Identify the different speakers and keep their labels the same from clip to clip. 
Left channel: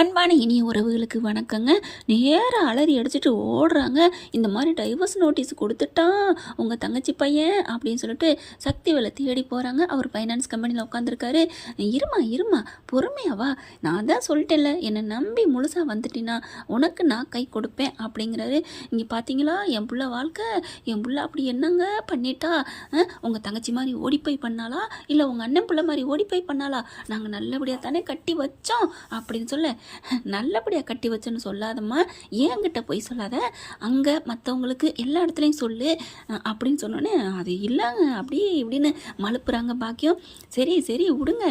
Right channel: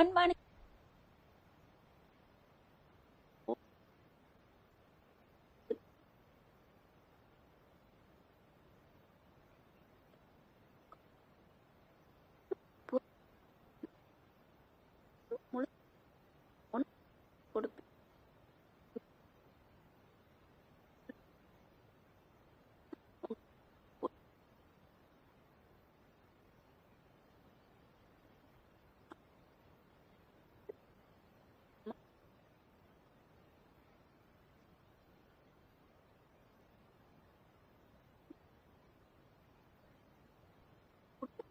Speaker 1: அன்பான இனிய உறவுகளுக்கு வணக்கங்க. நேராக அலறி அடிச்சுட்டு ஓடுறாங்க. இந்த மாதிரி டைவர்ஸ் நோட்டீஸ் கொடுத்துட்டான் உங்கள் தங்கச்சி பையன் அப்படின்னு சொல்லிட்டு சக்தி வேலை தேடி போகிறாங்க அவர் ஃபைனான்ஸ் கம்பெனியில் உட்காந்துருக்காரு இருமா இருமா பொறுமையாவா நான் தான் சொல்லிட்டேன்ல என்னை நம்பி முழுசாக வந்துட்டினா உனக்கு நான் கை கொடுப்பேன் அப்படிங்கிறாரு. இங்கே பார்த்தீங்களா என் புள்ள வாழ்க்கை என் புள்ள அப்படி என்னங்க பண்ணிட்டா? உங்கள் தங்கச்சி மாதிரி ஓடிப்போய் பண்ணாலா இல்லை உங்கள் அண்ணன் பிள்ளை மாதிரி ஓடிப்போய் பண்ணாலா நாங்கள் நல்லபடியாக தானே கட்டி வச்சோம் அப்படின்னு சொல்ல நல்லபடியாக கட்டி வச்சேன்னு சொல்லாதம்மா. ஏன்கிட்ட போய் சொல்லாத? அங்கே மற்றவங்களுக்கு எல்லா இடத்துலையும் சொல்லு அப்படின்னு சொன்னோன்னே அது இல்லைங்க அப்படியே இப்படின்னு மழுப்புறாங்க பாக்கியம். சரி சரி விடுங்க.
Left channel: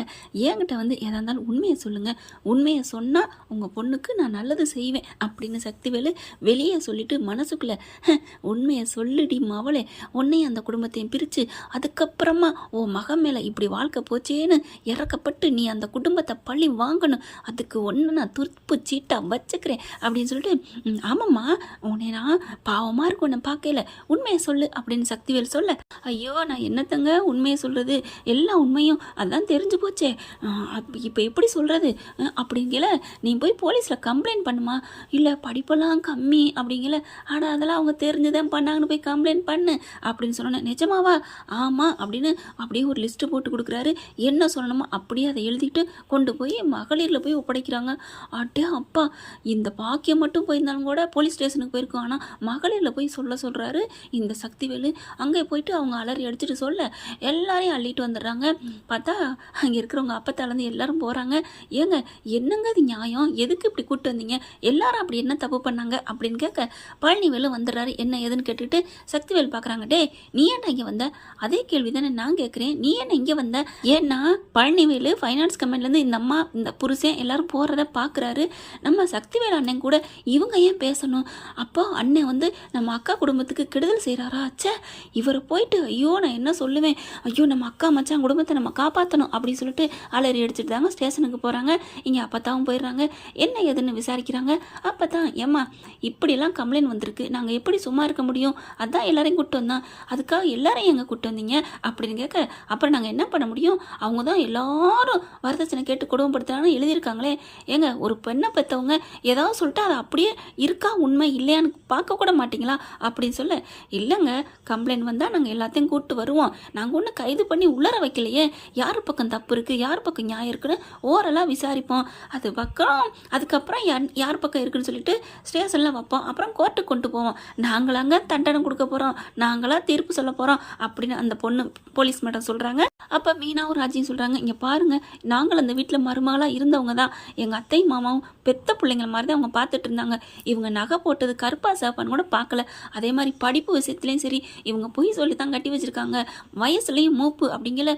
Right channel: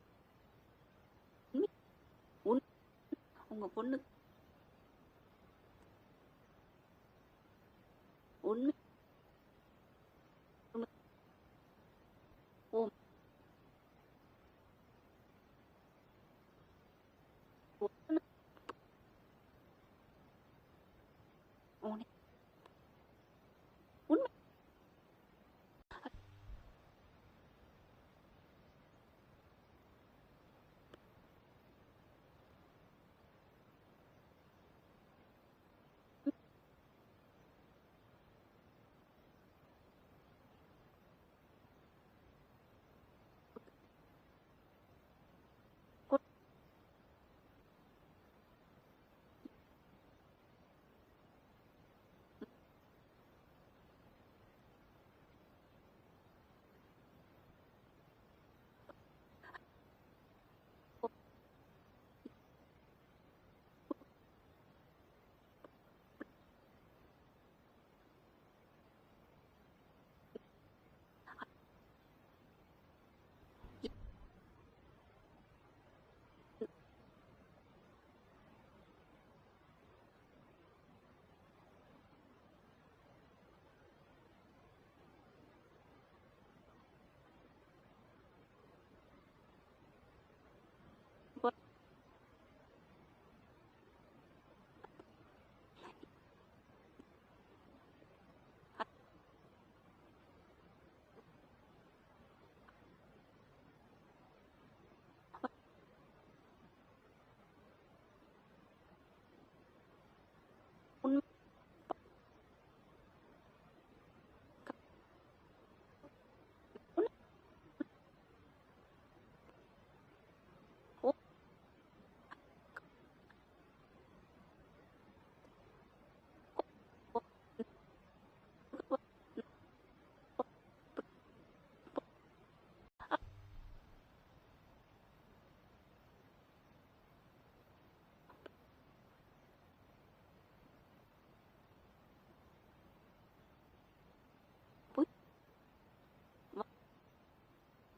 Speaker 1: ஏன்கிட்ட வந்து எதாக இருந்தாலும் உண்மையை சொல்லுங்கள் உண்மையை சொன்னால் உங்கள் பொண்ணுக்கு நான் நல்லது செய்வேன் அப்படின்னு சக்திவேலு வெளியே சொல்லிட்டு மனசுக்குள்ளே உண்மையை சொல்லுடி மவளே. உன்னையும் அந்த குடும்பத்தையும் பிரித்து அதுக்கப்புறமா உன் மகன் மேலே இப்படி வாழ்க்கை போச்சேன்னு இறக்கப்பட்டு நீ அந்த குடும்பத்தை பழி வாங்கணும். அதுக்கு ஒன்று நான் துருப்பு சீட்டாக வச்சுக்கிறேன் அப்படின்னு சொல்லிட்டு ஆமாம்மா உன்னை நான் பாவமாக இருக்கும் உன்னை பார்க்கல உண்மையை சொல்லு அப்படின்னு சக்திவேல் சொல்ல ஐயோ நான் என்னத்தங்க உண்மையை சொல்கிறது எல்லா உண்மையும் அதான் தெரிஞ்சு போச்சே. இப்போ எப்படி சொல்கிறது அப்படிங்கல நீ போய் போலீஸில் கம்ப்ளைண்ட் பண்ணுமா? இல்லை படிப்பெல்லாம் கம்மி அப்படிங்கல ஆடா அதெல்லாம் அவங்க தெரிஞ்சுதான் பண்ணாங்கன்னு போய் கம்ப்ளைண்ட் பண்ணு அப்படின்னு சொன்னேன் நிஜமாவா? ஆமாம் அப்படின்னு அப்படியே ஒரு லிஸ்ட்டு போட்டு கொடுக்குறாரு. என்ன சொல்லணுமோ அப்படியே அதை எழுதிட்டு கொண்டு போய் மகளிரில் போய் ஒப்படைக்கிறாங்க. அட்டே அப்பா இந்த பாக்கியம் மட்டும் போயிருந்தாலும் கூட போலீஸ் ஸ்டேஷனுக்கு போயிருக்கோம். ஆனால் மகளிரில் போய் சொல்ல சொல்கிறாரு இந்த சக்திவேலு. அங்கே போயிட்டு அவங்க அலறி அடிச்சுட்டு சொல்ல எல்லாரையும் அள்ளிட்டு வந்துடுறாங்க. பார்த்தா அங்கே இருக்கிறவங்க அப்பத்தாலேருந்து எல்லாரும் போகிறாங்க ஏங்க என்னங்க அது நியாயம்? எதுக்கு இப்படி கூப்பிட்டு வந்தீங்க? எல்லாரும் அப்படி என்ன தப்பு பண்ணாங்க? அப்படின்னு கேட்க பழனிவேலு வந்துடுறாரு. என்ன ஏதுன்னு கேட்டுட்டு சக்திவேல் பார்க்குறாங்க டே நீ என்ன இங்கே வந்த? அதே கேள்வி தானே நான் கேட்குறேன். நீ என்ன இங்கே வந்த? ஏன்னா பழனிவேலு ஃபைனான்ஸ் கம்பெனிலேருந்து இந்த அம்மா இந்த புருஷன் எல்லாரும் போகிறத பா பார்க்குறாரு நம்ம சக்திவேல் அண்ணன் கூட இவங்க ஏன் பேசணும்? அப்போ அண்ணன் வந்து நம்ம அக்கா குடும்பத்துக்கு கெடுதல் செய்கிறாரா ச்சே இவரை போயிட்டு ஐயோ நான் என்ன சொல்லுவேன்? ஐயோ நம்ம அக்கா மச்சான் குடும்பத்தை நம்ம காப்பாற்றணும் அப்படின்னு சொல்லிட்டு அலறி அடிச்சுட்டு தாங்க ஸ்டேஷனுக்கு போகிறாங்க இங்கே அப்பத்தாவும் போயிடுறாங்க. என்ன ஏதுன்னு விசாரிக்கிறாங்க. அப்போ தான் ஏம்மா இப்படிலாம் கம்ப்ளைண்ட் வந்திருக்கு. நாங்கள் எப்படி சும்மா இருக்க முடியும்? அதான் எல்லாரையும் கூப்பிட்டு வந்தோம். அதுக்காக எல்லாரையும் எங்கே கூப்பிட்டு வந்தீங்க? அப்படின்னு கேட்க அப்புறம் நாங்கள் என்ன பண்ண முடியும்? அவங்க தான் எல்லாரும் வரதட்சணை கேட்டு குடும்பப்படுத்துகிறாங்கன்னு எழுதியிருக்காங்களே. ஏங்க ஒரு பெண்ணை பெற்றவங்க ஏதாவது சொல்லிட்டு அது அப்படியே இருக்கா உண்மை இல்லையான்னு பார்க்கக்கூட மாட்டிங்களா மாட்டீங்களா? அப்படின்னு சொல்ல இல்லைங்க கம்ப்ளைண்ட் வந்தால் நாங்கள் எல்லாத்தையும் கூப்பிட்டு வருவோம். நாங்கள் ஒன்றும் கைது பண்ணி உள்ளர வைக்கலையே. யார் பக்கம் தப்பு இருக்குது யார் பக்கம் நியாயம் இருக்குன்னு ஓரெல்லாம் விசாரிப்போம். அது பக்கம் அதுக்கப்புறம் யார் யார் பக்கம் இருக்குன்னு சொல்லிட்டு ஸ்டேஷனில் வைப்போம். அப்புறம் கோர்ட்டுக்கு கொண்டு போவோம். நாங்களாங்க தண்டனை கொடுக்க போகிறோம் நாங்களாக தீர்ப்பு சொல்ல போகிறோம் அப்படின்னு அந்த பொண்ணு போலீஸ் மேடம் சொல்கிறாங்க அப்போ மீனாவும் ராஜியும் சொல்கிறாங்க இங்கே பாருங்கள் நாங்கள் அந்த வீட்டில் மருமகளாக இருந்தவங்க தான். எங்கள் அத்தையும் மாமாவும் பெத்த பிள்ளைங்கள மாதிரி தான் அவங்க பார்த்துட்டு இருந்தாங்க. இவங்க நகை போட்டது கருப்பா சாப்பான்னு கூட பார்க்கல. அதே மாதிரி படிப்பு விஷயத்துலையும் சரி இவங்க பொய் சொல்லி தான் கட்டி வச்சுருக்காங்க. வயசுலேயும் மூப்பு அப்படிங்கல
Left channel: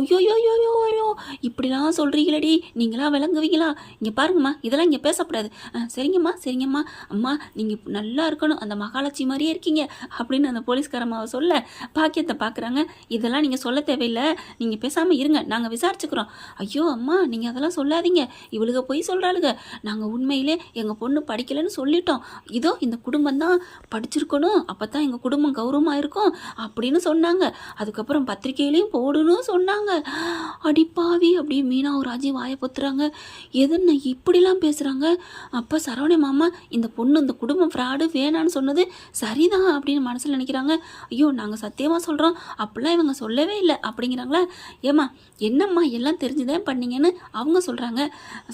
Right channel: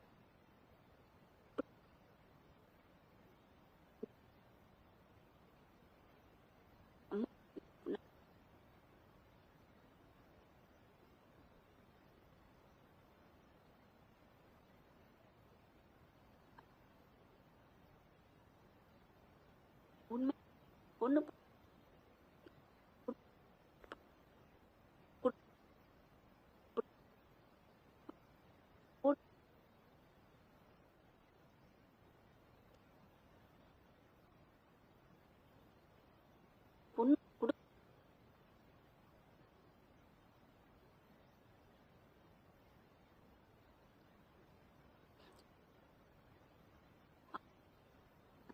Speaker 1: ஐயோ ஐயோ ஐயோ ஐயோ இப்படிலாம் சொல்கிறீங்களடி நீங்களா விளங்குவீங்களா? இங்கே பாருங்கம்மா இதெல்லாம் இங்கே பேசக்கூடாது "ஆ, சரிங்கம்மா சரிங்கம்மா. அம்மா நீங்கள் நல்லா இருக்கணும் அந்த மகாலட்சுமி மாதிரியே இருக்கீங்க. அப்படின்னு அந்த போலீஸ்காரம்மாவை சொல்ல பாக்கியத்தை பார்க்குறாங்க இதெல்லாம் நீங்கள் சொல்ல தேவையில்லை. நீங்கள் பேசாமல் இருங்க. நாங்கள் விசாரிச்சுக்கிறோம். ஐயோ அம்மா நீங்கள் அதெல்லாம் சொல்லாதீங்க. இவளுக போய் சொல்கிறாளுங்க நாங்கள் உண்மையிலே எங்கள் பொண்ணு படிக்கலைன்னு சொல்லிட்டோம். இதோ இந்த குடும்பம் தான் படிச்சிருக்கணும். அப்போ தான் எங்கள் குடும்பம் கௌரவமாக இருக்கும் அப்படின்னு சொன்னாங்க. அதுக்கப்புறம் பத்திரிகையிலையும் போடணும் சொன்னாங்க. அடிப்பாவி அப்படி மீனாவும் ராஜி வாயை பொத்துறாங்க. எதுன்னு இப்படிலாம் பேசுகிறாங்க அப்போ சரவண மாமா இந்த பொண்ணு இந்த குடும்பம் ஃப்ராடு வேணான்னு சொன்னது சரிதான் அப்படின்னு மனசில் நினைக்கிறாங்க. ஐயோ நாங்கள் சத்தியமாக சொல்கிறோம் அப்படிலாம் இவங்க சொல்லவே இல்லை அப்படிங்கிறாங்க. அப்படிங்கிறாங்களா ஏம்மா என்னம்மா எல்லாம் தெரிஞ்சுதான் பண்ணீங்கன்னு அவங்க சொல்கிறாங்க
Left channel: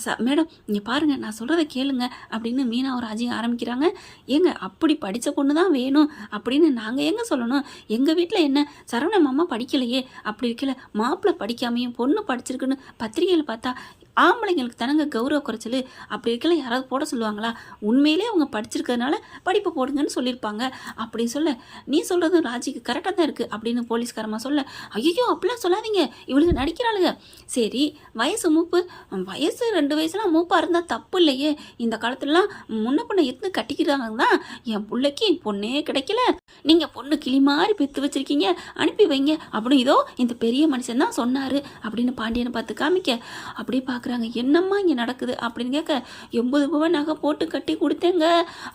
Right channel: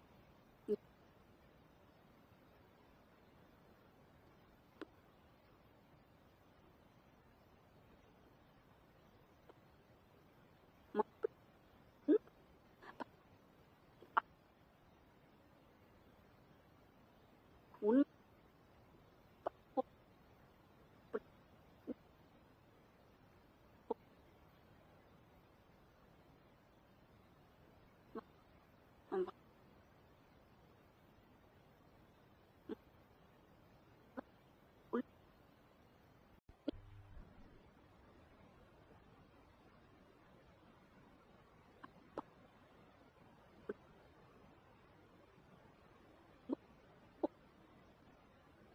Speaker 1: ச மேடம் நீங்கள் பாருங்கள் நான் சொல்கிறத கேளுங்க அப்படின்னு மீனா ஒரு ராஜியும் ஆரம்பிக்கிறாங்க. ஏங்க அப்படி படித்த பொண்ணு தான் வேணும் அப்படின்னு நாங்கள் எங்கே சொல்லணும்? எங்கள் வீட்டில் என்ன? சரவண மாமா படிக்கலையே. அப்படி இருக்கல மாப்பிள்ளை படிக்காமையும் பொண்ணு படிச்சிருக்குன்னு பத்திரிகையில் பார்த்தா ஆம்பளைங்களுக்கு தானங்க கௌரவ குறைச்சல். அப்படி இருக்கல யாராவது போட சொல்லுவாங்களா? உண்மையிலே அவங்க படிச்சிருக்கிறதுனால படிப்பு போடுங்கன்னு சொல்லியிருப்பாங்க. அப்படின்னு சொல்ல நீ சொல்கிறது ராஜிக்கு கரெக்டாக தான் இருக்குது அப்படின்னு போலீஸ்காரமா சொல்ல ஐயோ அப்படிலாம் சொல்லாதீங்க. இவளுக்கு நடிக்கிறாளுங்க. சரி வயசு மூப்பு வயசு ரெண்டு வயசுலாம் மூப்பாக இருந்தால் தப்பு இல்லையே. இந்த காலத்துலலாம் முன்ன பொண்ணை இருந்து கட்டிக்கிறாங்க தான் என் பிள்ளைக்கு பொண்ணே கிடைக்கல. நீங்கள் பொண்ணு கிளி மாதிரி பெற்று வச்சிருக்கீங்க அனுப்பி வைங்க. அப்படின்னு இதோ இந்த பெரிய மனுஷன் தான் சொன்னார். அப்படின்னு பாண்டியனை பார்த்து காமிக்க அப்படியே பார்க்குறாங்க என்னம்மா இங்கே நடக்குது? அப்படின்னு கேட்க எண்பது ரூபாய் நகை போட்டு கட்டி கொடுத்தேங்க.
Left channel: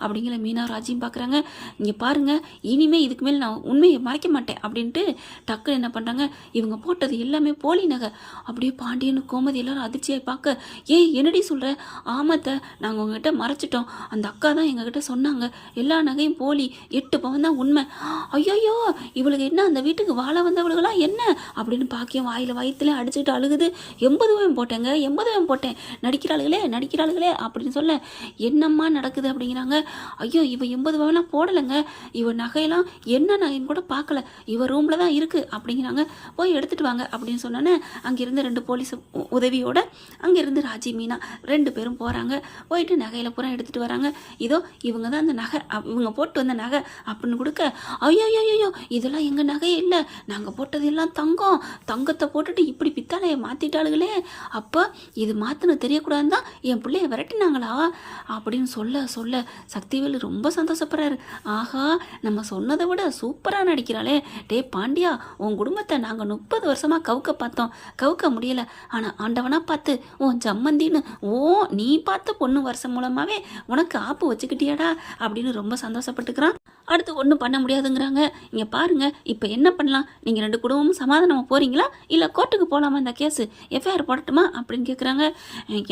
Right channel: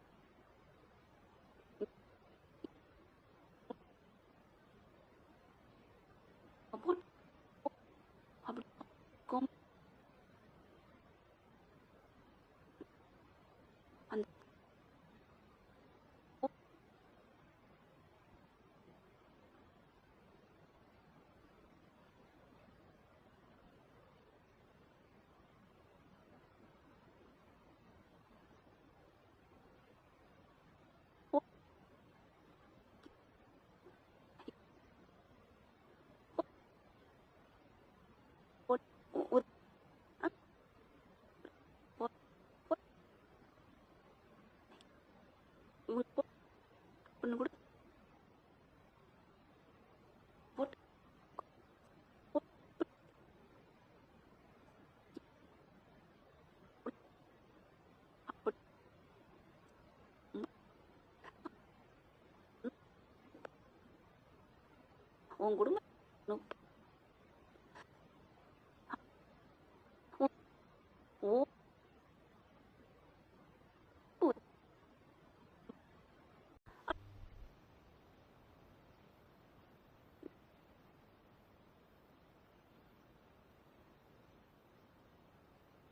Speaker 1: அப்படிங்கிற மீனா ராஜியும் பார்க்குறாங்க இங்கே பாருங்க. இனிமேல் இதுக்கு மேல் நான் உண்மையை மறைக்க மாட்டேன். அப்படின்ட்டு டக்குன்னு என்ன பண்ணுறாங்க இவங்க போட்டது எல்லாமே போலி நகை. அப்படியே பாண்டியன் கோமதி எல்லாரும் அதிர்ச்சியாய் பார்க்க ஏய் என்னடி சொல்கிற ஆமாத்த நாங்கள் உங்ககிட்ட மறைச்சிட்டோம். அந்த அக்கா தான் எங்ககிட்ட சொன்னாங்க. எல்லா நகையும் போலி எட்டு பவன் தான் உண்மை. ஐயோயோ இவளுக்கு என்ன அந்த வீட்டுக்கு வாழ வந்தவளுகளாம் என்ன? அப்படின்னு பாக்கியம் வாயில் வயிற்றுல அடிச்சுக்கிட்டு அழுகுது. எண்பது பவன் போட்டேங்க எண்பது பவன் போட்டேன். நடிக்கிறாளுகளே நடிக்கிறாளுகளே அப்படின்னு சொல்ல என்னம்மா நடக்குது? அப்படிங்கிறாங்க. ஐயோ இவ எண்பது பவன்லாம் போடலைங்க. இவ நகையெல்லாம் என்ன நகைன்னு கூட பார்க்கல. இவ ரூமில் தான் இருக்குது அப்படிங்கிறாங்க. போய் எடுத்துகிட்டு வாங்க அப்படின்னு சொன்னோன்னே அங்கேருந்து ரெண்டு போலீஸ் உதவியோட அங்கேருந்து ராஜி மீனா ரெண்டு பேரும் போகிறாங்க போயிட்டு நகையில் பூரா எடுத்துகிட்டு வராங்க. இதோ இவங்க தான் அந்த நகை அப்- இவங்க போட்டு வந்த நகை அப்படின்னு கொடுக்க ஐயோ ஐயோ இதெல்லாம் எங்கள் நகையே இல்லை. நாங்கள் போட்டது எல்லாம் தங்கம். தங்கத்தை போட்டுட்டு இப்படி பித்தாலையை மாற்றிட்டாளுங்களே அப்போ இது மாற்றின தெரியக்கூடாதுன்னு தான் என் பிள்ளைய விரட்டினாங்களா? அப்படின்னு சொல்ல சொல்ல சக்திவேலு ரொம்ப சந்தோஷப்படுறாரு. ஆஹா நம்ம சொன்னதை விட சூப்பராக நடிக்கிறாளே. டே பாண்டியா உன் குடும்பத்தை நாங்கள் முப்பது வருஷமாக கவுக்க பார்த்தோம். கவுக்க முடியல. ஆனால் ஆண்டவனாக பார்த்து உன் ஜம்மந்தின்னு ஓ நீ பார்த்த பொண்ணு வருஷம் மூலமாகவே உனக்கு ஆப்பு வச்சுக்கிட்டியாடா அப்படின்னு ரொம்ப சந்தோஷப்பட்டுக்கிறான். அடுத்து ஒன்றும் பண்ண முடியாதுங்கிறாங்க. இங்கே பாருங்கள் இப்போ என்ன பண்ணலாம்? நீங்கள் ரெண்டு குடும்பமும் சமாதானமாக போகிறீங்களா இல்லை கோர்ட்டுக்கு போகலாமா இந்த கேஸு? எஃப்ஐஆர் போடட்டுமா? அப்படின்னு கேட்குறாங்க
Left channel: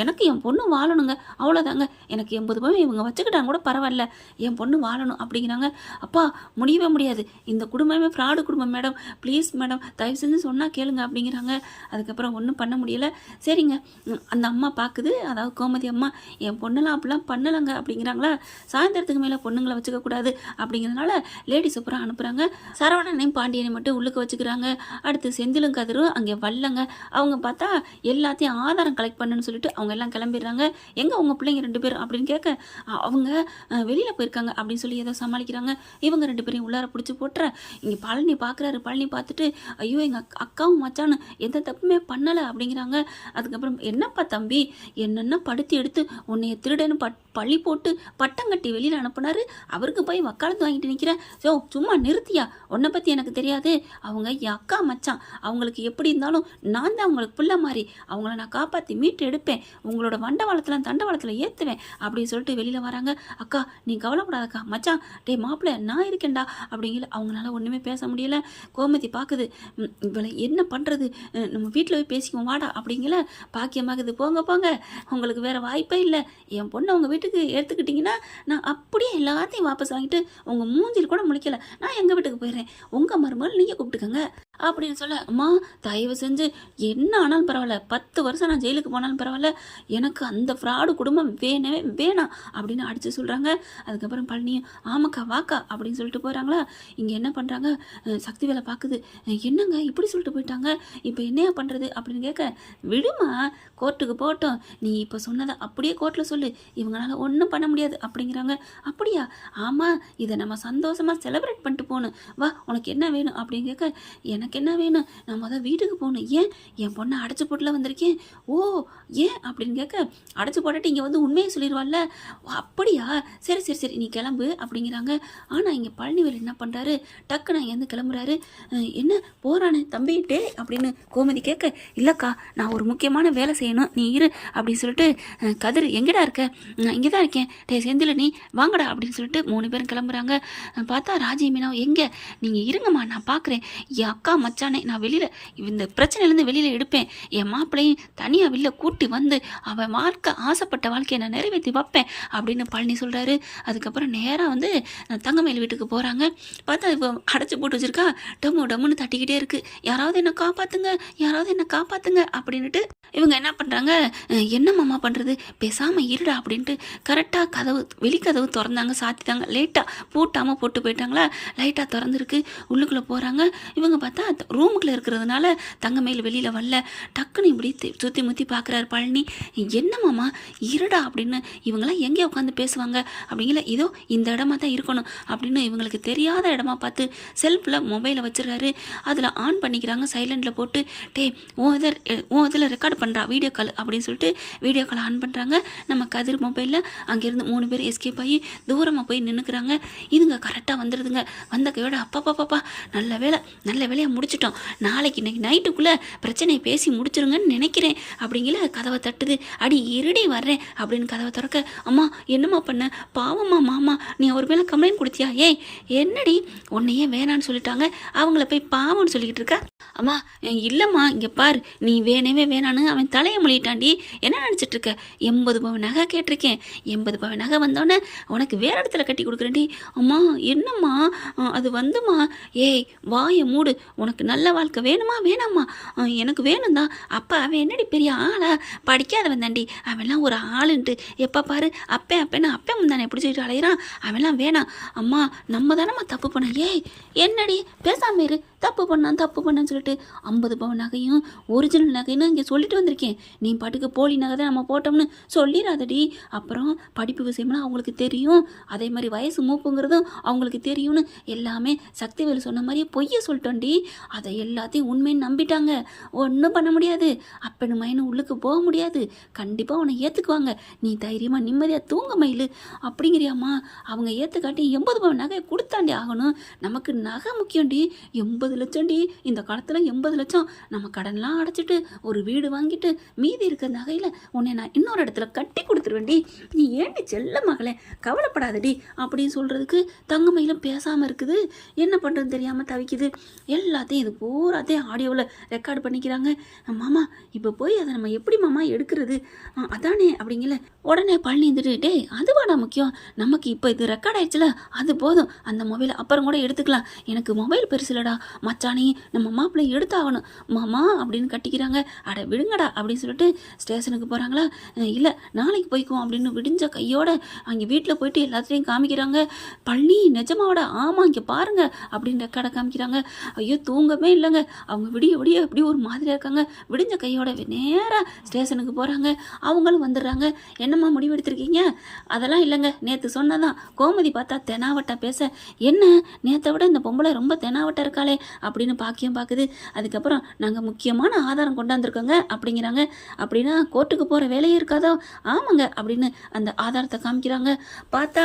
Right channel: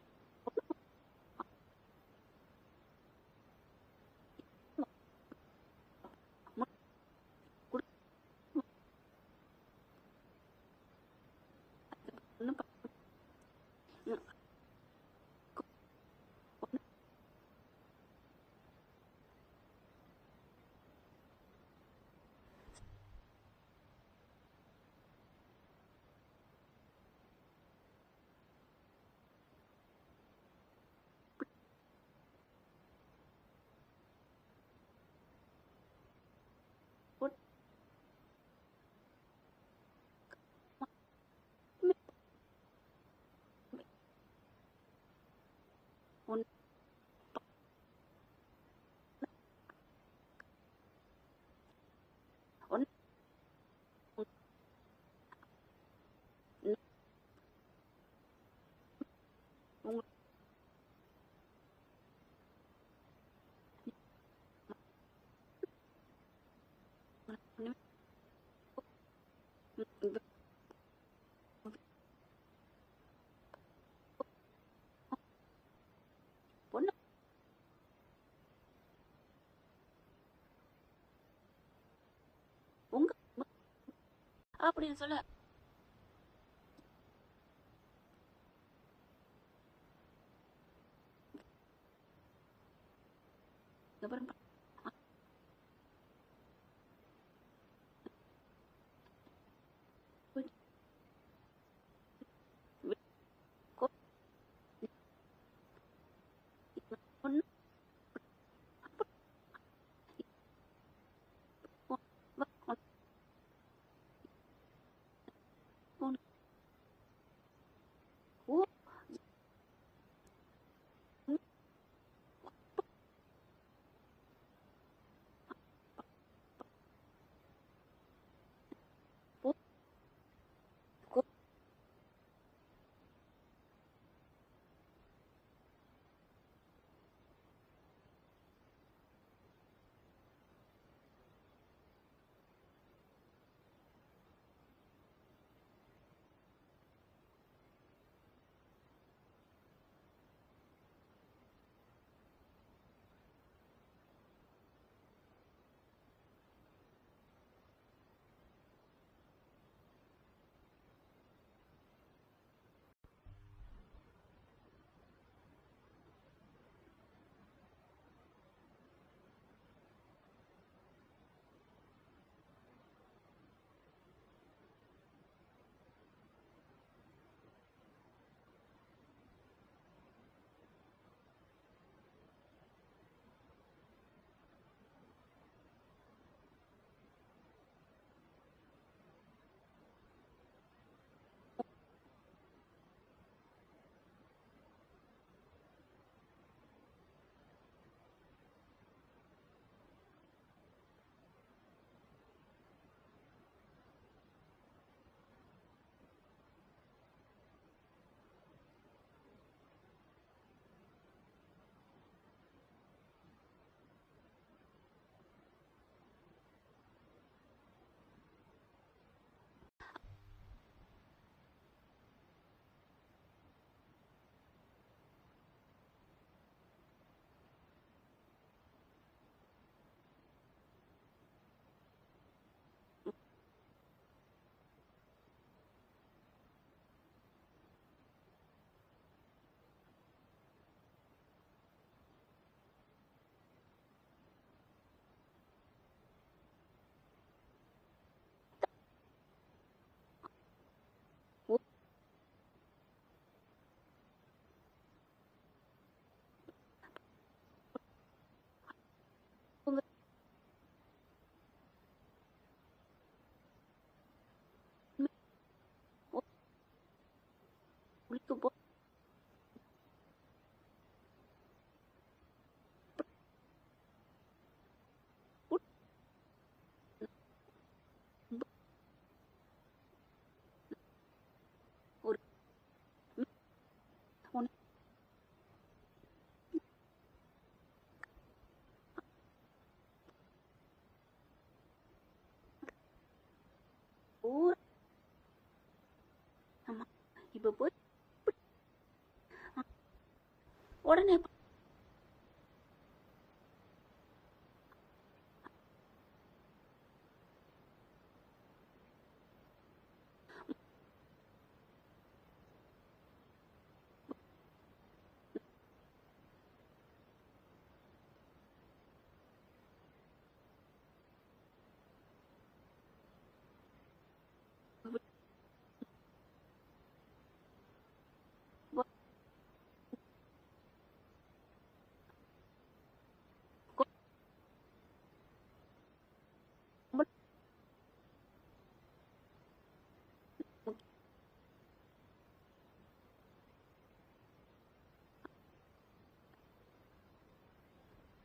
Speaker 1: எனக்கு என் பொண்ணு வாழணுங்க. அவ்வளோதாங்க எனக்கு எண்பது பவுன் இவங்க வச்சுக்கிட்டாங்க கூட பரவாயில்ல. என் பொண்ணு வாழணும் அப்படிங்கிறாங்க. அப்பா முடியவே முடியாது. இந்த குடும்பமே ஃப்ராடு குடும்பம் மேடம் ப்ளீஸ் மேடம் தயவு செஞ்சு சொன்னால் கேளுங்க அப்படிங்கிறாங்க. அதுக்கப்புறம் ஒன்றும் பண்ண முடியல. சரிங்க. அந்த அம்மா பார்க்குது அதாவது கோமதி அம்மா என் பொண்ணெல்லாம் அப்படிலாம் பண்ணலைங்க அப்படிங்கிறாங்களா? சாயந்தரத்துக்கு மேலே பொண்ணுங்களை வச்சுக்க கூடாது அப்படிங்கிறதுனால லேடிஸ் அப்புறம் அனுப்புகிறாங்க சரவணனையும் பாண்டியனை மட்டும் உள்ளுக்கு வச்சுக்கிறாங்க. அடுத்து செந்திலும் கதிரும் அங்கே வல்லங்க. அவங்க பார்த்தா எல்லாத்தையும் ஆதாரம் கலெக்ட் பண்ணுன்னு சொல்லிட்டு அவங்க எல்லாம் கிளம்பிடுறாங்க. எங்கே உங்கள் பிள்ளைங்க ரெண்டு பேரும் அப்படின்னு கேட்க அவங்க வெளியில் போயிருக்காங்க அப்படின்னு சொல்லி ஏதோ சமாளிக்கிறாங்க. இவங்க ரெண்டு பேரையும் உள்ளார பிடிச்சி போட்டுற. இங்கே பழனி பார்க்குறாரு பழனி பார்த்துட்டு ஐயோ எங்கள் அக்காவும் மச்சானும் எந்த தப்புமே பண்ணலை அப்படிங்கிறாங்க. அதுக்கப்புறம் என்னப்பா தம்பி என்னென்ன படுத்தி எடுத்து உன்னைய திருடன்னு பட் பழி போட்டு பட்டம் கட்டி வெளியில் அனுப்புனாரு? அவருக்கு போய் வக்காலத்து வாங்கிட்டு நிற்கிறேன் ஸோ சும்மா நிறுத்தியா? உன்னை பற்றி எனக்கு தெரியாது. அவங்க என் அக்கா மச்சான். அவங்களுக்கு எப்படி இருந்தாலும் நான் தான் அவங்களுக்கு பிள்ளை மாதிரி. அவங்கள நான் காப்பாற்றி மீட்டு எடுப்பேன். உங்களோட வண்டவாளத்தில் தண்டவாளத்தில் ஏற்றுவேன் அப்படின்னு சொல்லிட்டு வெளியில் வராங்க. அக்கா நீ கவலைப்படாதக்கா. மச்சான் டே மாப்பிள்ளை நான் இருக்கேன்டா. அப்படிங்கிற அவங்களால ஒன்றுமே பேச முடியல. கோமதி பார்க்குது இவளை என்ன பண்ணுறது நம்ம வீட்டில் போய் பேசிக்குவோம். வாடா. அப்படிங்கிற பாக்கியமாகுது. போங்க போங்க. உங்களுக்கு வேறு வாய்ப்பே இல்லை. என் பொண்ணை உங்கள் வீட்டுக்கு எடுத்துக்கிட்டிங்கன்னா நான் அப்படியே எல்லாத்தையும் வாபஸ் வாங்கிட்டு உங்கள் மூஞ்சில் கூட முழிக்கல. நான் எங்கள் வீட்டுக்கு போயிடுறேன் உங்கள் மருமகள் நீங்கள் கூப்பிட்டுக்கங்க. அப்படின்னு சொல்ல அம்மா தயவு செஞ்சு என்ன ஆனாலும் பரவாயில்ல. பத்து வருஷம் நான் ஜெயிலுக்கு போனாலும் பரவாயில்ல. எனக்கு அந்த ஃப்ராடு குடும்பம் வேணவே வேணாம். அப்படின்னு அடித்து சொல்கிறாங்க அதுக்கப்புறம் பழனியும் ஆமாக்கா வாக்கா. அப்படின்னு சொல்லிட்டு போகிறாங்களா இங்கே என்ன பண்ணுறாங்க சக்தி வேலை பார்க்குது என்னங்க இப்படி சொல்லிட்டு போயிட்டாங்க? இப்போ என்னையா பண்ணுறது அப்படின்னு கேட்க விடுமா கோர்ட்டுக்கு போகட்டும். நீ இப்போ சொன்னதை அப்படியே கோர்ட்டில் சொல்லு. இவங்களால ஒன்றும் பண்ண முடியாது அப்படிங்கிறாங்க. அப்படியா? ஆமாம் இதை நம்ம சந்தோஷமாக செலிப்ரேட் பண்ணிட்டு போகணும். வா உனக்கு என்ன வேணும் அப்படின்னு கேட்க எனக்கு என்ன வேணும்? நான் முதல் வீட்டுக்கு போகணும். ஏன்? என் பொண்ணை அடைச்சி போட்டுல வந்திருக்கேன். ஓ ஏன் அப்படின்னு கேட்க அடைச்சி போட்டுட்டு இங்கே வந்து உண்மையை சொல்லிடுவாள்ல அப்படியா? சரி சரி சரி நீ கிளம்பு அப்படிங்கிறாங்க. ஆனால் இங்கே பழனிவேல் என்ன பண்ணுறாரு டக்குன்னு இங்கேருந்து கிளம்புறாரு. என்ன? போகிறானே தம்பிட்டே டே அப்படின்னு கோமதி கேட்க இல்லைக்கா நான் ஒரு முக்கியமான வேலை செய்யணும். நீ இரு அப்படின்னு சொல்லிட்டு கதிர் எங்கடா இருக்க? நான் இங்கே தான் இருக்கேன். டே செந்தில் நீ வாங்கடா அப்படின்னு சொல்லிட்டு மூணு பேரும் கிளம்புறாங்க. பார்த்தா ராஜி மீனா எங்கே? நீங்கள் இருங்கம்மா நான் பார்க்குறேன் என் அக்கா மச்சானே நான் வெளியில் இந்த பிரச்சனையிலேருந்து வெளியில் எடுப்பேன். என் மாப்பிள்ளையும் தனியாக வெளில கூட்டி வந்து அவன் வாழ்க்கை ஆசைப்பட்ட வாழ்க்கையை நான் நிறைவேற்றி வைப்பேன் அப்படின்னு பழனி சொல்கிறாரு அதுக்கப்புறம் நேராக வந்து தங்கமயில் வீட்டுக்கு போகிறாங்க பார்த்தா இப்போ அடைச்சி போட்டு வச்சிருக்கா. டம்மு டம்முன்னு தட்டிக்கிட்டே இருக்கு. யாராவது என்ன காப்பாற்றுங்க யாராவது என்ன காப்பாற்றுங்க அப்படின்ட்டு இவங்க என்ன பண்ணுறாங்க என்ன மாமா பண்ணுறது பேசாமல் இருடா அப்படின்ட்டு கரெக்டாக கதவு வெளிக்கதவு திறந்தாங்க. சாத்திட்டாங்க. லேட்டாக பூட்டாமல் போட்டு போயிட்டாங்களா? லைட்டாக திறந்துருக்கு. உள்ளுக்குள்ளே போகிறாங்க இவங்க பார்த்தா ரூமுக்குள்ளே இருக்கிறதுனால தங்கமயில் வெளியில் வரல. டக்குன்னு இப்படி சுற்றி முற்றி பார்க்குறாரு பழனி என்ன மாமா? இருடா அப்படின்னு இவங்களாம் எங்கே உட்காந்து பேசுவாங்க. அப்படிங்கிற இதோ இந்த இடமா தான் இருக்கணும் அப்படின்னு இவங்களுக்கு தெரியாத இடமா பார்த்து செல்ஃபில் மொபைலை வச்சுருக்காரு. அதில் ஆன் பண்ணிக்கிறாங்க சைலண்டில் போட்டு டே ஓ இதர் ஓ இதில் ரெக்கார்ட் பண்ணுறா வீடியோ கால் அப்படின்னு சொல்லிட்டு வீடியோ கால் ஆன் பண்ணுறாங்க நம்ம கதிர் மொபைலில் அங்கேருந்து மூணு பேர் எஸ்கேப் ஆகி தூரமாக போய் நின்றுக்கிறாங்க இதுங்க கரெக்டாக வந்துடுதுங்க வந்த கையோட அப்பா பாப்பா நல்ல வேலை நல்ல வேலையை முடிச்சிட்டோம். நாளைக்கு இன்னைக்கு நைட்டுக்குள்ளே பிரச்சனையை பேசி முடிச்சிருங்கன்னு நினைக்கிறேன் அப்படிங்கிற கதவை தட்டுது. அடி இருடி வர்றேன் அப்படின்னு கதவை திறக்க அம்மா என்னம்மா பண்ண? பாவம்மா மாமா நீ அவர் மேலே கம்ப்ளைண்ட் கொடுத்தியா? ஏய் என்னடி? உன்னையே வேணான்னு சொல்லிட்டாங்க. அவங்கள போய் பாவம்னு சொல்லிக்கிட்டு இருக்க. அம்மா இல்லைம்மா இங்கே பார். நீ வேணவே வேணான்னு அவன் தலையை மொழிட்டாண்டி. என்ன நினச்சிட்டு இருக்க எண்பது பவன் நகை கேட்டிருக்கேன். எண்பது பவன் நகை வந்தோடனே உனக்கு வேற இடத்துல கட்டி கொடுக்குறேன்டி. அம்மா என்னம்மா? அது வந்துமா ஏய் வாயை மூடு. உனக்கு நல்ல வாழ்க்கை வேணுமா? வேணாம்மா. எனக்கு வேணும் தான் அப்பா அவன் என்னடி பெரிய ஆளா? படிக்காதவன் தாண்டி. அவன்லாம் ஒரு ஆளுன்ட்டு. எப்போ பாரு அப்பே அப்பேன்னு அப்பே முந்தானே பிடிச்சிட்டு அலையிறான். அவன்லாம் வேணாம். அம்மா நம்ம தானம்மா தப்பு பண்ண ஏய் என்னடி? பேசாமல் இரு. தப்பு பண்ணான் தப்பு பண்ணான்னு சொல்லிட்டு ஐம்பது பவுன் நகையும் ஒரிஜினல் நகைன்னு இங்கே சொல்லிட்டு வந்திருக்கேன். நீ பாட்டுக்கு போலி நகை தான் நம்ம போட்டோம்னு சொல்லிடாதடி அப்புறம் படிப்பு விஷயம்லாம் அவங்களுக்கு தெரியும். அதே மாதிரி வயசு மூப்புங்கிறதும் அவங்களுக்கு தெரியும்னு எல்லாமே சக்திவேல் சொன்ன மாதிரியே பொய்ய சொல்லிட்டோண்டி. அதை எல்லாத்தையும் உண்மைன்னு நம்பிட்டாங்க. ஒன்றும் பண்ண முடியாது. அப்பனு மயனு உள்ளுக்கு போக முடியாது. கண்டிப்பாக உன்னை ஏற்றுக்குவாங்க நீ தைரியமாக நிம்மதியாக தூங்க மயில். அப்படிங்கிறியாம்மா. அவங்க ஏற்றுக்காட்டி எண்பது பவுன் நகையை கொடுத்தாண்டி ஆகணும். நமக்கு நகை முக்கியம்டி. எண்பது லட்சம்டி. இந்த காலத்தில் எண்பது லட்சம். நம்ம கடன்லாம் அடைச்சிட்டு ஒரு வீடு வாங்கிட்டு மீதி இருக்கிற நகையில் உன்னை நான் இன்னொரு இடத்துல கட்டி கொடுத்துருவேன்டி நீ ஏண்டி செல்ல மகளே? கவலைப்படாதடி அப்படின்னு சொல்கிறதுக்கு தங்கமயிலும் பேசாமல் இருக்குது. என்ன பண்ணுறதுன்னு தெரியாமல் தவிக்குது. எல்லாத்தையும் இது பூராத்தையும் ஆடியோவில் ரெக்கார்டு பண்ணிக்கிறாங்க. மாமா இப்போ போய் அதை நம்ம எப்படி மாமா எடுக்கிறது? அதானே அப்படிங்கல. உடனே பழனி இருந்துட்டு டேய் அதுவாடா முக்கியம். நமக்கு இப்போ இது ரெக்கார்ட் ஆயிடுச்சுல அது போதும். அந்த மொபைலை அப்புறம் கூட எடுத்துக்கலாம். எனக்கு மொபைல் பெருசுலடா. மச்சானே நம்ம மாப்பிள்ளை எடுத்தாகணும். மாமா அப்படின்னு கட்டிக்கிறாங்க. அட விடுங்கடா அப்படின்னு சொல்லிட்டு ஸ்டேஷனுக்கு போகிறாங்களா இல்லை நாளைக்கு போய்க்குவோம் அப்படின்னு விடிஞ்ச கையோட அங்கே வீட்டில் போயிட்டு எல்லாத்தையும் காமிக்கிறாங்க. பழனி நிஜமாவோட? ஆமாம் இங்கே பாருங்க அப்படின்னு ரெக்கார்டை காமிக்கிறாங்க. ஐயோ தூங்கவே இல்லைங்க. அவங்க விடிய விடிய அப்படியே ஒரு மாதிரியாக இருக்காங்க. விடிஞ்ச கையோட நேராக ஸ்டேஷனுக்கு போகிறாங்க அவங்களும் வந்துடுறாங்க. என்னம்மா முடிவெடுத்திருக்கீங்க அதெல்லாம் இல்லைங்க. நேற்று சொன்னதான். கோமதி பார்த்தா தெனாவட்டா பேச. என்ன? நேற்றை விட இந்த பொம்பளை ரொம்ப தெனாவட்டா இருக்காளே அப்படின்னு பாக்கியம் பார்க்குது அதுக்கப்புறம் நாங்கள் முக்கியமான ஆதாரம் கொண்டாந்துருக்கோங்க அப்படிங்கிறாங்க. அப்படின்னா கோர்ட்டுக்கு போகிற வேலையே இருக்காதோ? ஆமாங்க அப்படின்னு அந்த ஆதாரத்தை காமிக்கிறாங்க. பார்த்தா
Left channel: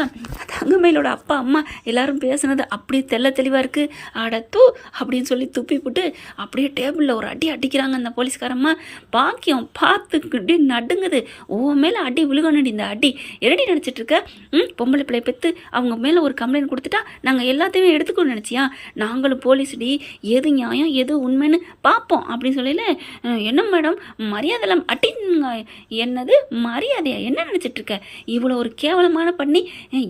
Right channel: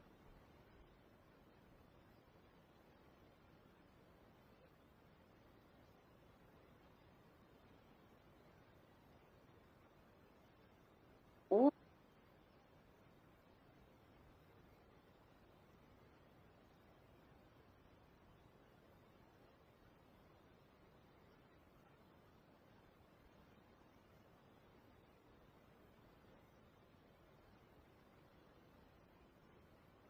Speaker 1: தங்கமயிலோட அப்பா அம்மா எல்லாரும் பேசுனது அப்படியே தெள்ள தெளிவாக இருக்குது அட தூ அப்படின்னு சொல்லி துப்பி போட்டு அப்படியே டேபிளில் ஒரு அடி அடிக்கிறாங்க அந்த போலீஸ்காரம்மா. பாக்கியம் பார்த்துக்கிட்டு நடுங்குது. ஓ மேலே அடி விழுகணுடி இந்த அடி. எரடி நினச்சிட்டு இருக்க? ம் பொம்பளை பிள்ளை பெற்று அவங்க மேலே ஒரு கம்ப்ளைண்ட் கொடுத்துட்டா நாங்கள் எல்லாத்தையுமே எடுத்துக்கணும்னு நினச்சியா? நாங்களும் போலீஸ்டி எது நியாயம் எது உண்மைன்னு பார்ப்போம். அப்படின்னு சொல்லல என்ன மேடம் மரியாதைலாம் அட்டிங்க என்னது? மரியாதையா? என்ன நினச்சிட்டு இருக்க இவ்வளோ ஒரு கேவலமான பண்ணி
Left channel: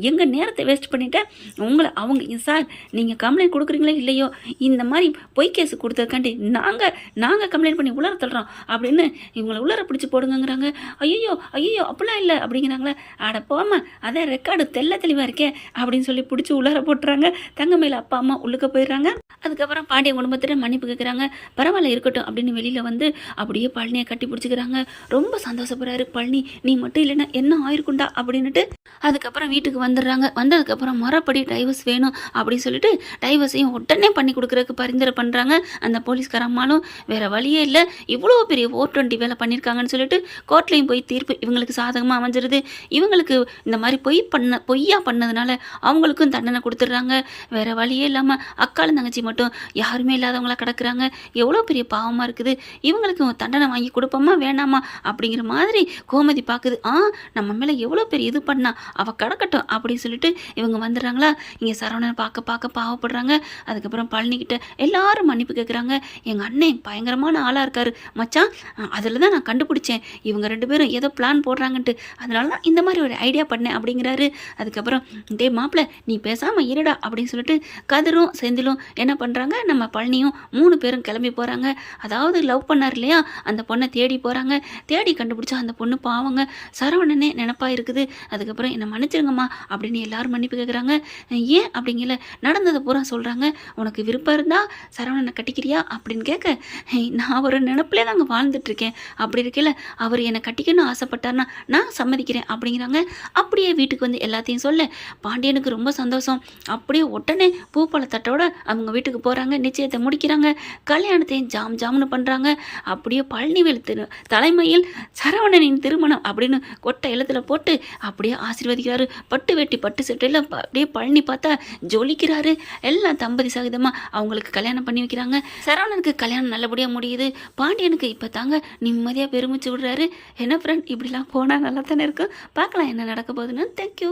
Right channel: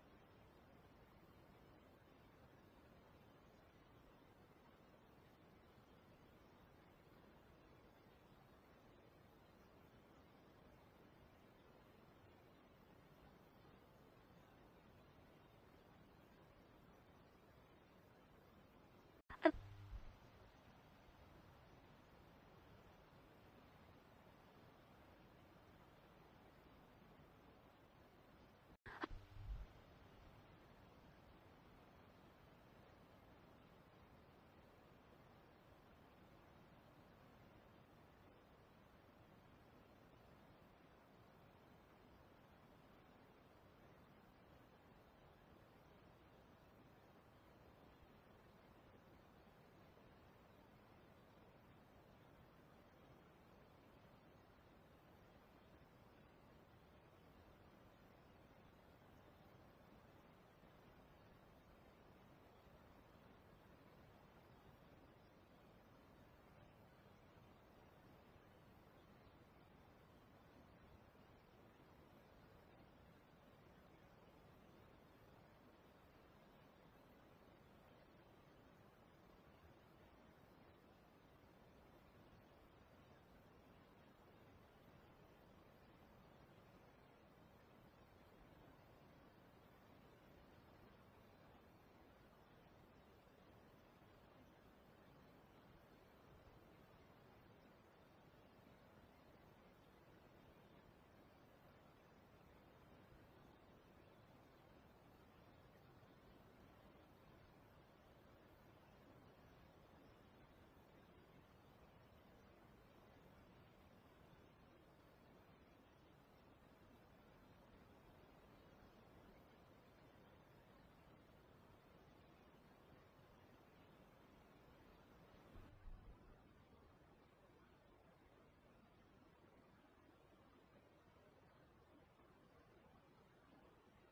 Speaker 1: எங்கள் நேரத்தை வேஸ்ட் பண்ணிட்டேன் உங்களை அவங்க சார் நீங்கள் கம்ப்ளைண்ட் கொடுக்குறீங்களோ இல்லையோ? இந்த மாதிரி பொய் கேஸ் கொடுத்ததுக்காண்டி நாங்கள் நாங்கள் கம்ப்ளைண்ட் பண்ணி உலர தள்ளுறோம். அப்படின்னு இவங்களை உலர பிடிச்சி போடுங்கங்கிறாங்க. ஐயோ ஐயோ அப்படிலாம் இல்லை அப்படிங்கிறாங்களே. அட போமா அதே ரெக்கார்டு தெல்ல தெளிவாக இருக்கே அப்படின்னு சொல்லி பிடிச்சி உலர போட்டுறாங்க. தங்கமையில் அப்பா அம்மா உள்ளுக்க போயிடுறாங்க. அதுக்கப்புறம் பாண்டிய குடும்பத்தில் மன்னிப்பு கேட்குறாங்க பரவாயில்ல இருக்கட்டும் அப்படின்னு வெளியில் வந்து அப்படியே பழனியை கட்டி பிடிச்சிக்கிறாங்க. ரொம்ப சந்தோஷப்படுறாரு பழனி. நீ மட்டும் இல்லைன்னா என்ன ஆயிருக்குண்டா அப்படின்னுட்டு அதுக்கப்புறம் வீட்டுக்கு வந்துடுறாங்க. வந்ததுக்கப்புறம் முறைப்படி டைவர்ஸ் வேணும் அப்படின்னு சொல்லிட்டு டைவர்ஸையும் உடனே பண்ணி கொடுக்குறதுக்கு பரிந்துரை பண்ணுறாங்க அந்த போலீஸ்கார அம்மாலும் வேற வழியே இல்லை. இவ்வளோ பெரிய ஓர் டுவெண்ட்டி வேலை பண்ணியிருக்காங்கன்னு சொல்லிட்டு கோர்ட்லேயும் போய் தீர்ப்பு இவங்களுக்கு சாதகமாக அமைஞ்சிருது. இவங்களுக்கு இந்த மாதிரி பொய் பண்ண பொய்யா பண்ணதுனால அவங்களுக்கும் தண்டனை கொடுத்துட்றாங்க. வேற வழியே இல்லாமல் அக்காலும் தங்கச்சி மட்டும் யாருமே இல்லாதவங்களா நடக்கிறாங்க. எவ்வளோ பெரிய பாவமாக இருக்குது. இவங்களுக்கு தண்டனை வாங்கி கொடுப்போமா வேணாமா அப்படிங்கிற மாதிரி கோமதி பார்க்குது ஆ நம்ம மேலே எவ்வளோ பெரிய இது பண்ணா அவள் கிடக்கட்டும் அப்படின்னு சொல்லிட்டு இவங்க வந்துடுறாங்களா? இங்கே சரவணன் பார்க்க பார்க்க பாவப்படுறாங்க. அதுக்கப்புறம் பழனிக்கிட்ட எல்லாரும் மன்னிப்பு கேட்குறாங்க எங்கள் அண்ணன் பயங்கரமான ஆளாக இருக்காரு. மச்சான் அதில் தான் நான் கண்டுபிடிச்சேன். இவங்க ரெண்டு பேரும் ஏதோ பிளான் போடுறாங்கன்ட்டு. அதனால தான் இந்த மாதிரி ஒரு ஐடியா பண்ணேன் அப்படிங்கிறாரு. அதுக்கப்புறம் டே மாப்பிள்ள நீ பேசாமல் இருடா அப்படின்னு சொல்லிட்டு கதிரும் செந்திலும் என்ன பண்ணுறாங்க நம்ம பழனியும் மூணு பேரும் கிளம்பி போகிறாங்க அதாவது லவ் பண்ணார் இல்லையா? அந்த பொண்ணை தேடி போகிறாங்க தேடி கண்டுபிடிச்சா அந்த பொண்ணு பாவங்க. சரவணனே நினப்பாக இருக்குது. அதுக்கப்புறம் என்னை மன்னிச்சிருங்கம்மா அப்படின்னு எல்லாரும் மன்னிப்பு கேட்குறாங்க ஏன் அப்படிங்கல? நடந்ததை பூரா சொல்கிறாங்க உனக்கு விருப்பம் இருந்தால் சரவணனை கட்டிக்கிறியா? அப்படின்னு கேட்க நான் ஒரு நினப்பிலே தாங்க வாழ்ந்துட்டுருக்கேன். அப்படி இருக்கையில் அவர் என்னை கட்டிக்கணும்னு ஆசைப்பட்டார்னா நான் சம்மதிக்கிறேன் அப்படிங்கிறாங்க. அப்படியே வீட்டுக்கு வந்து எல்லாத்தையும் சொல்ல. பாண்டியனுக்கு ரொம்ப சந்தோஷம். அப்படியே உடனே பூப்பழ தட்டோட அவங்க வீட்டுக்கு போகிறாங்க நிச்சயத்தை முடிக்கிறாங்க. கல்யாணத்தையும் ஜாம் ஜாம்னு பண்ணுறாங்க அப்படியே பழனிவேல் திரு தலைமையில் சரவணனின் திருமணம் அப்படின்னு கொட்டை எழுத்துல போட்டு அப்படியே ஆசீர்வதிக்கிறாரு. பட்டு வெட்டி பட்டு சட்டையில் அப்படியே பழனி பார்த்தா ஜொலிக்கிறாரு. எல்லாம் தம்பதி சகிதமாக அவங்களுக்கு கல்யாணம் பண்ணி வைக்கிறாங்க. சரவணனுக்கு கல்யாணம் நல்லபடியாக முடியுது. பாண்டியனுக்கு இப்போ தாங்க நிம்மதியாக பெருமிச்சு விடுறாரு. என்ன ஃப்ரெண்ட் இப்படிலாம் போனால் நல்லா தானே இருக்கும்? பார்க்கலாம் என்ன நடக்க போகுதுன்னு. தேங்க்யூ